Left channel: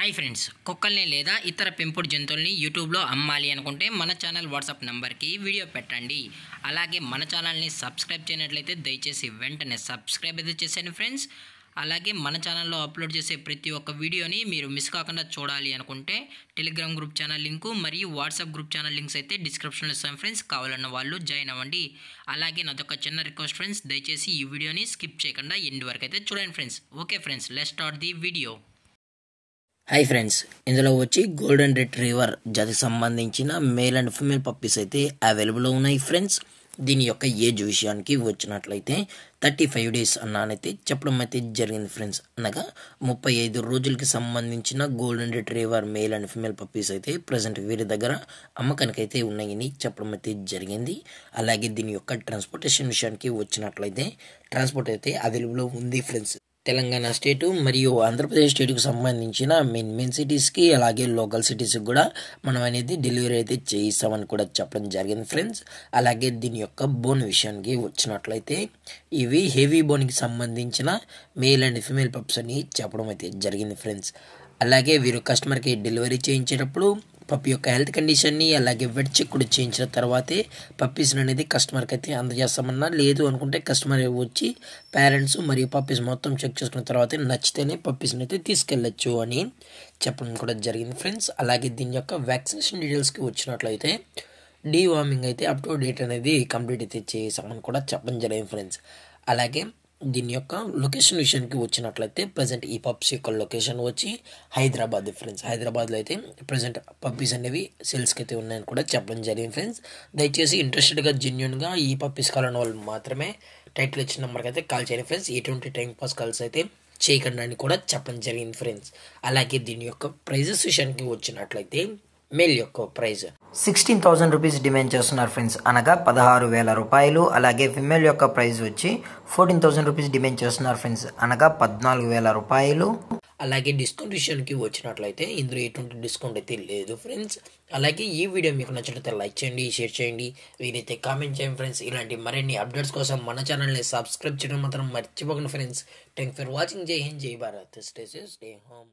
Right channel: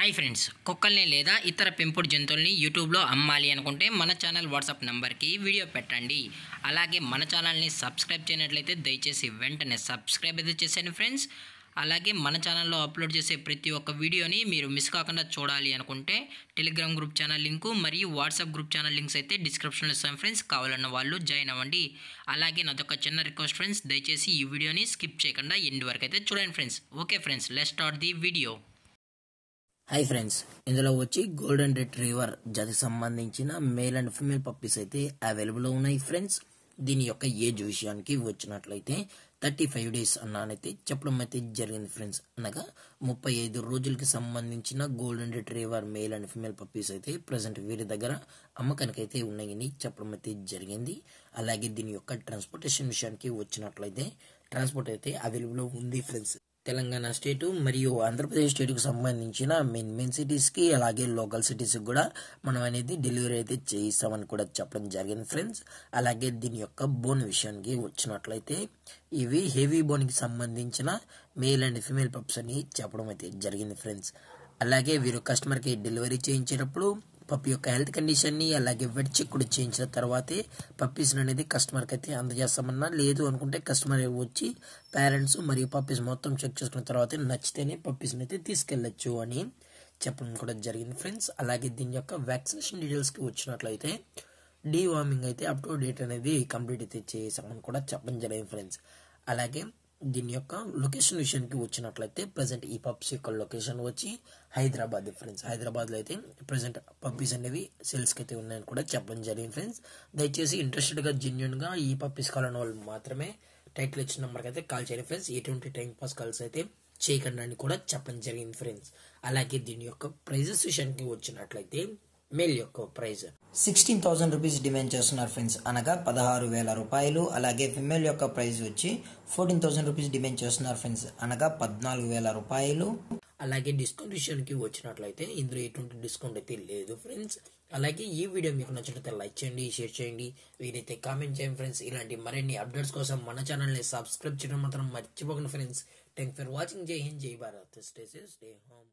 Hi friends, కుక్కల్ని లేదా ఇతర పెంపుడు జంతువుల్ని యూట్యూబ్లో అమ్మాలి అనుకుంటే మన ఛానల్ వాట్సాప్ నెంబర్కి వీడియో పెట్టండి. అలాగే మన ఛానల్ని సబ్స్క్రైబ్ చేయనట్లయితే దయచేసి వెంటనే సబ్స్క్రైబ్ అయితే చేసేయండి ఫ్రెండ్స్. అలాగే మన ఛానల్లో అప్లోడ్ చేసే ప్రతి ఒక్క వీడియోని మీరు మిస్ కాకుండా చూడాలి అనుకుంటే టెలిగ్రామ్ గ్రూప్ ఛానల్ లింకు మరియు వాట్సాప్ గ్రూప్ ఛానల్ లింక్స్ అయితే డిస్క్రిప్షన్లో ఇస్తాను ఫ్రెండ్స్. కావాలన్న వాళ్ళు జాయిన్ అవ్వండి. అలాగే నాదొక చిన్న రిక్వెస్ట్ ఫ్రెండ్స్, దయచేసి ఈ వీడియోని స్కిప్ చేయకుండా ఎండ్ వరకు అయితే చూడండి friends. Okay friends, let's start the video. Hi friends, ఇందులో వచ్చి గోల్డెన్ రిట్రీవర్ జాతికి సంబంధించిన మేల్ అండ్ ఫీమేల్ పప్పీస్ అయితే అవైలబుల్లో ఉన్నాయి ఫ్రెండ్స్. దీని యొక్క ఏజ్ విషయానికి వచ్చినట్లయితే 35 days అన్నానైతే చెప్పడం అయితే జరిగింది ఫ్రెండ్స్. అనగా 35 రోజులకి సంబంధించిన golden retriever male and female puppies అయితే ప్రజెంట్ వీరి దగ్గర అమ్మకానికి అయితే ఉన్నాయని చెప్పడం అయితే జరిగింది. అలాగే దీని యొక్క ట్రాన్స్పోర్టేషన్ విషయానికి వచ్చినట్లయితే ట్రాన్స్పోర్ట్ అయితే అవైలబుల్లో ఉంది ఫ్రెండ్స్. తెలంగాణ స్టేటు మరియు ఆంధ్రప్రదేశ్ స్టేట్కి సంబంధించిన మెయిన్ సిటీస్కి అలాగే లోకల్ సిటీస్కి కూడా మనం అనేది డెలివరీ అయితే చేయిస్తామని కూడా చెప్పడం జరిగింది ఫ్రెండ్స్. అలాగే దీని యొక్క బోన్ విషయానికి వచ్చినట్లయితే ఇవి హెవీ బోన్కి సంబంధించిన మేల్ అండ్ ఫీమేల్ పప్స్ అని చెప్పడం అయితే జరిగింది ఫ్రెండ్స్. అలాగే వీరు కస్టమర్కి డెలివరీ చేయించేటప్పుడు పప్పి యొక్క హెల్త్ కండిషన్ని అలాగే వెట్ చెక్ కూడా చేయించిన తర్వాతే పప్పీస్ని అనేది కస్టమర్కి అయితే అందజేస్తామన్నా, లేదు అనుకుంటే కస్టమర్ వచ్చి పేరెంట్స్ మరియు పప్పీస్ మొత్తం చెక్ చేసుకున్న తర్వాత నచ్చితేనే పప్పీస్ని అయితే తీసుకెళ్ళచ్చు అని చెప్పడం కూడా జరిగింది ఫ్రెండ్స్. అలాగే దీని యొక్క వ్యాక్సినేషన్ డీటెయిల్స్కి వచ్చినట్లయితే డీవార్మింగ్ అయితే అప్ టు డేట్ అనేది కంప్లీట్ అయితే చేసామని కూడా చెప్పడం జరిగింది ఫ్రెండ్స్. అలాగే దీని యొక్క లొకేషన్ విషయానికి వచ్చినట్లయితే ప్రజెంట్ ఈ పప్స్ యొక్క లొకేషన్ వచ్చి హైదరాబాద్ ఫ్రెండ్స్. హైదరాబాద్లో అయితే ప్రజెంట్ పప్పీస్ అనేవి సేల్స్కి అయితే ఉన్నాయని కూడా చెప్పడం జరిగింది ఫ్రెండ్స్. దయచేసి ఇంట్రెస్టెడ్గా జెన్యున్గా ఈ పప్పీస్ కావాలన్న వాళ్ళు మాత్రమే టైటిల్ ఇచ్చిన నెంబర్కి అయితే కాల్ చేయండి ఫ్రెండ్స్. ఎటువంటి టైం పాస్ కాల్స్ అయితే చేయకండి అని కూడా చెప్పడం జరిగింది ఫ్రెండ్స్. అలాగే దీని యొక్క ప్రైజెస్ విషయానికి వచ్చినట్లయితే మేల్ యొక్క ప్రైజ్ 16,000 రూపీస్ డిమాండ్ చేస్తున్నారు ఫ్రెండ్స్, అనగా 16,000 రూపాయలు. అలాగే ఫిమేల్ యొక్క ప్రైజ్ వచ్చి 14,000 రూపీస్ డిమాండ్ చేస్తున్నారు ఫ్రెండ్స్, అనగా 14,000 రూపాయలు. అలాగే డిస్కౌంట్ విషయానికి వచ్చినట్లయితే ఇందులో ఎటువంటి డిస్కౌంట్ అయితే లేదు ఫ్రెండ్స్. అలాగే ఈ వీడియో మీకు నచ్చినట్లయితే లైక్ చేయండి, షేర్ చేయండి, వీరైతే కామెంట్ చేయండి ఫ్రెండ్స్. ఇలాంటి మరిన్ని అప్డేట్స్ కోసం మన ఛానల్ని సబ్స్క్రైబ్ చేయడం మాత్రం మర్చిపోకండి ఫ్రెండ్స్. Thank for watching. జై హింద్, జై Bharat, stay safe, stay home.